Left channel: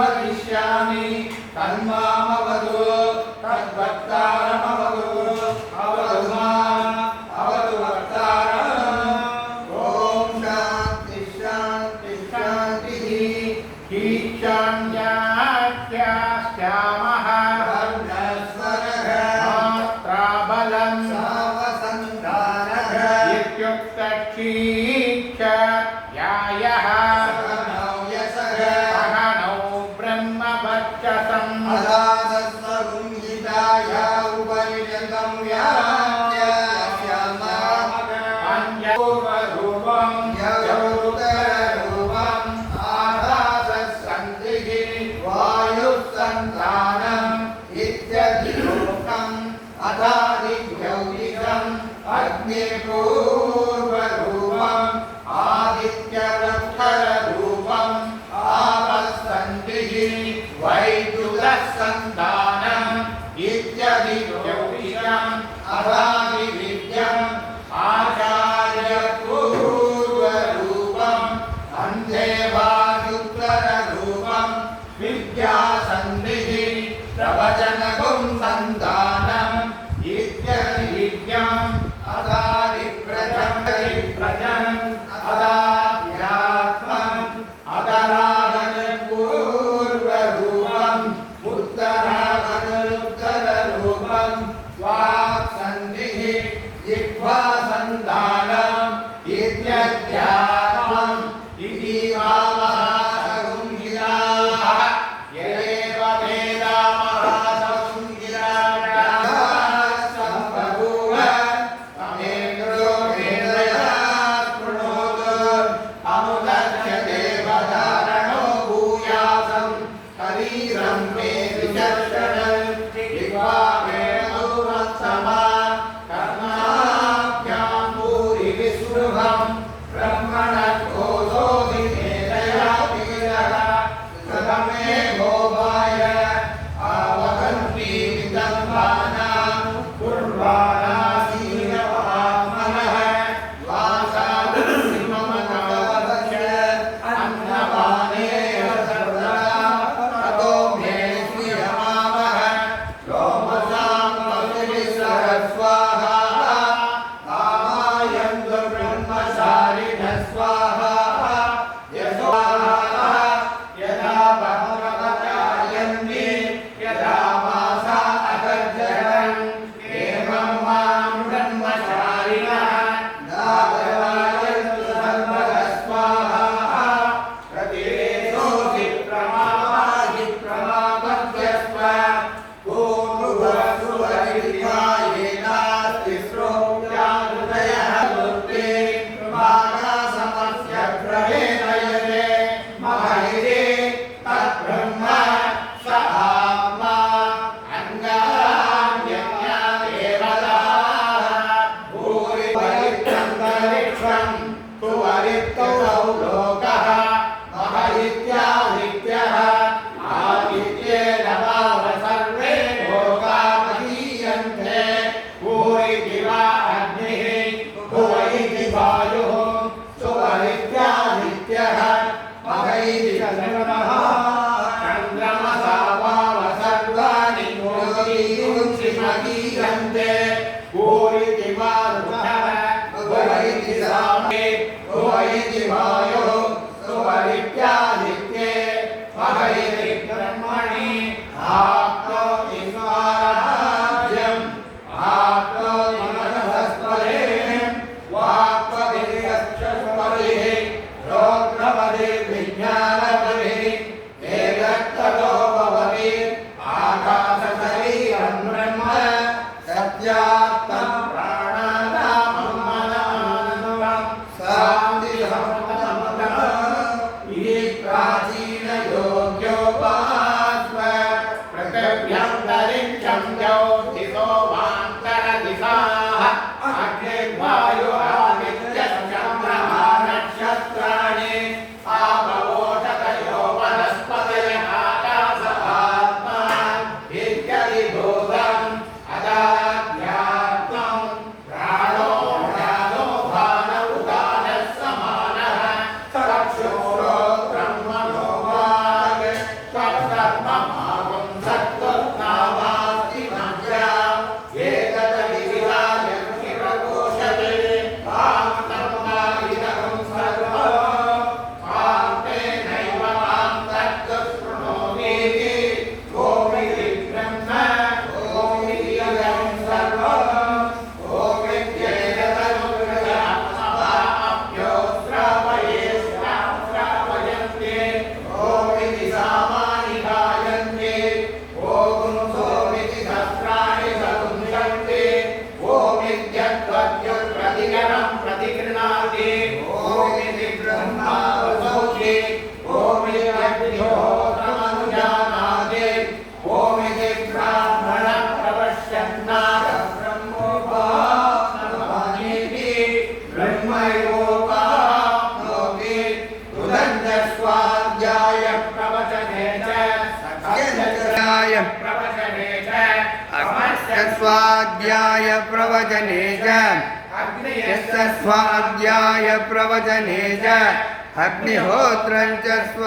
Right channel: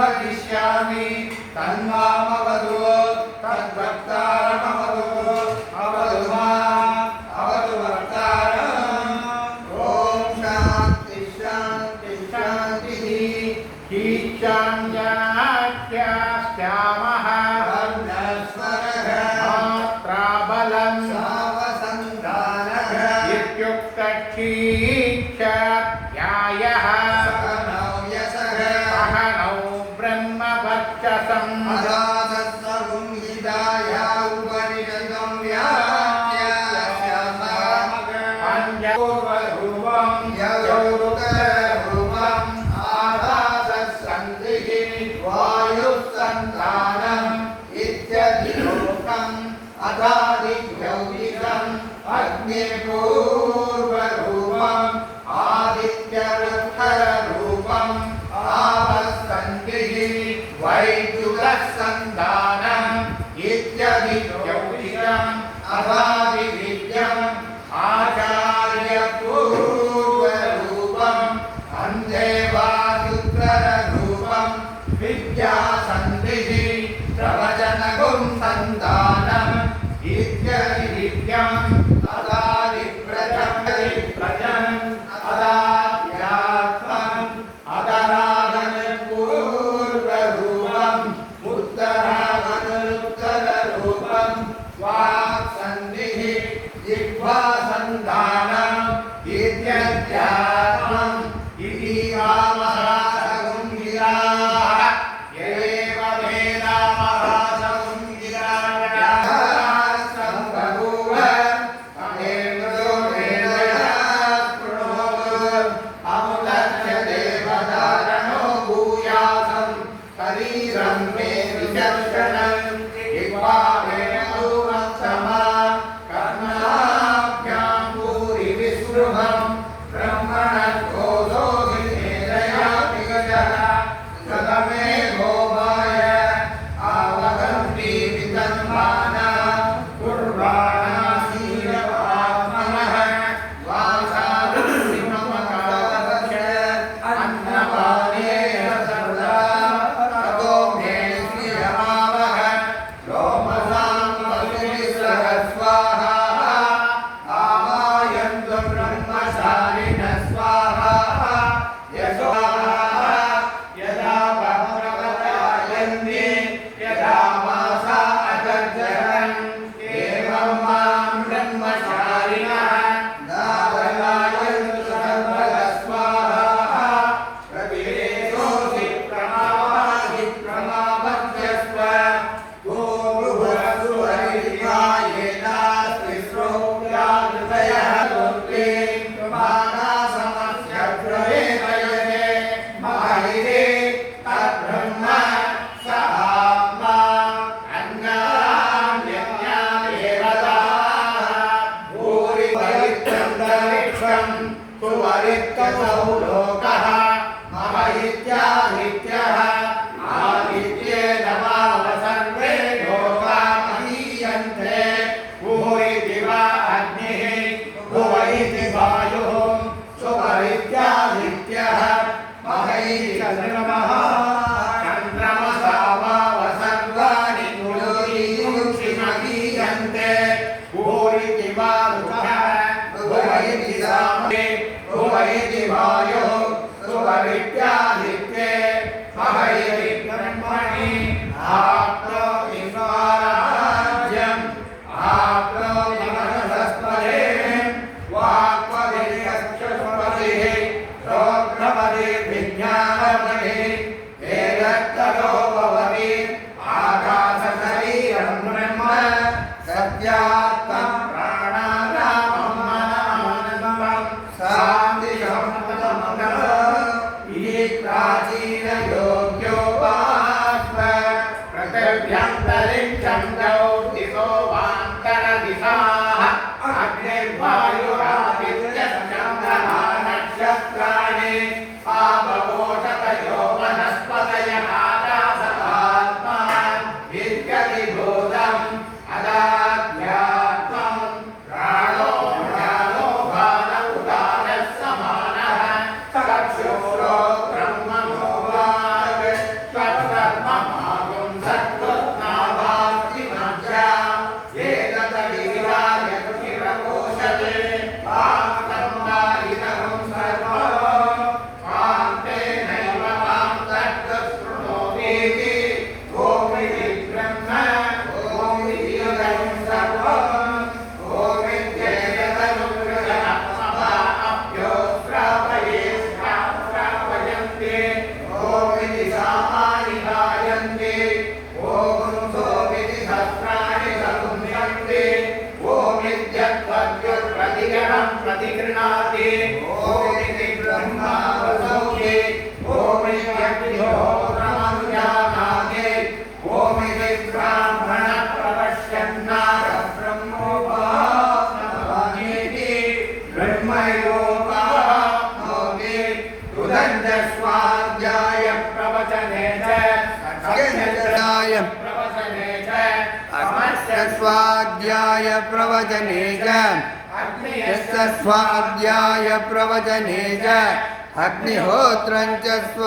वदिष्यामि तन्मामवतु तद्भक्तारमवतु अवतु माम् अवतु भक्तारम्। ॐ शान्ति शान्ति शान्तिः। ईशान्याख्यास्यामः मात्राबलं सावसन्धानः इत्युक्तक्षीक्षायाः सहनौ ब्रह्मवर्चसम् अराधस्सवं हिताय उपनिषदं व्याख्यास्यामः यौरुतरूपम् आधारसन्धिः वायुसन्धानम् इत्यधिरूपम् अधादिभौतिकम् अग्निपूर्वरूपम् आदित्यवत्तररूपम् आवसन्धिः वैद्युतसन्धानम् इत्यधिभौतिकम् अधादिविद्यम् आचार्यपूर्वरूपम् अन्धेवादुत्तररूपम् विद्यासन्धिः प्रवचनगुं सन्धानम् इत्यधिविद्यम् अदादिप्रजम् अदाध्यात्मम् अदराधनपूर्वरूपम् उत्तराधनोत्तररूपम् वाक्सन्धिः जिह्वासन्धानम् इत्यध्यात्मम् इति महासंहिताः यदेव वेदामहासंहिताः सम्बभूव तमेन्द्रो वेदयात् प्रणोदो अमुदच्च देवधारणो भूयासम् शरीरं मे विचर्षणम् जिह्वा वेणुवत्समा कर्णाभ्यां भूरि विस्पृहम् ब्रह्मणः कोशोऽसि मेधया पीडः प्रथमे भोगाय आवगन्ति विदन्वाना कुर्वाणासीनवात्मनः वासादुर्ममनादश अन्नपाने सर्वदा ततो मे श्रियमावः लोमसां पशुभिस्सहस्वाहा आमायन्तु ब्रह्मचारिणः स्वाहा यशो यदा भगवतायन्ति यदा मासा अगर्जरन् एवं मां ब्रह्मचारिणः नागरायन्तु सर्वः स्वाहा प्रतिवेशोऽसि प्रमावाहि प्रमावध्यस्व येनास्ति श्रोत्यादृतयः लोके मानासमस्य प्रवेदयते महैरे तद्ब्रह्म स आत्मा अन्यान्यज्ञादेवताः भूरि परित्यन्तरिक्षं सुवरित्यसौ लोकः मह इत्यादित्यः आदित्ये नवाव सर्वे लोका महीयन्ते भूरि दिवा अग्निः भुव इति वायुः सुवरित्यादित्यः महैरिचन्द्रमः चन्द्रमसा वाव सर्वाणि भूरि महीयन्ते भूरि दिवा भुव इति सामे भुव इति वायुः सुवरित्यादित्ये महैरि ब्रह्मणि आप्नोति स्वराज्यम् आप्नोति मनसस्पदे वाक्पतिर्यक्षस्पतिः श्रोत्रपतिर्विज्ञानपतिः एतत्ततो भवति आकाशशरीरं ब्रह्म सत्यात्मं प्राणानामं मनमानन्दं शान्तिशमनमः इति प्राचीनयोग्योपास्म पृथिव्यन्तरिक्षं ज्योतिषो वान्तरः प्रतिकरं प्रतिगृह्णाति ओम इति ब्रह्मा वसोति ओम इत्यग्निहोत्रमनुजानाति ओम इति ब्राह्मणः प्रपश्यन्नाथ ब्रह्मोपासनामीति ब्रह्मयोपाप्नोति उदन्तस्वाध्याय प्रवचने च स्वाध्याय प्रवचने च स्वाध्याय प्रवचने च अग्निहोत्रं च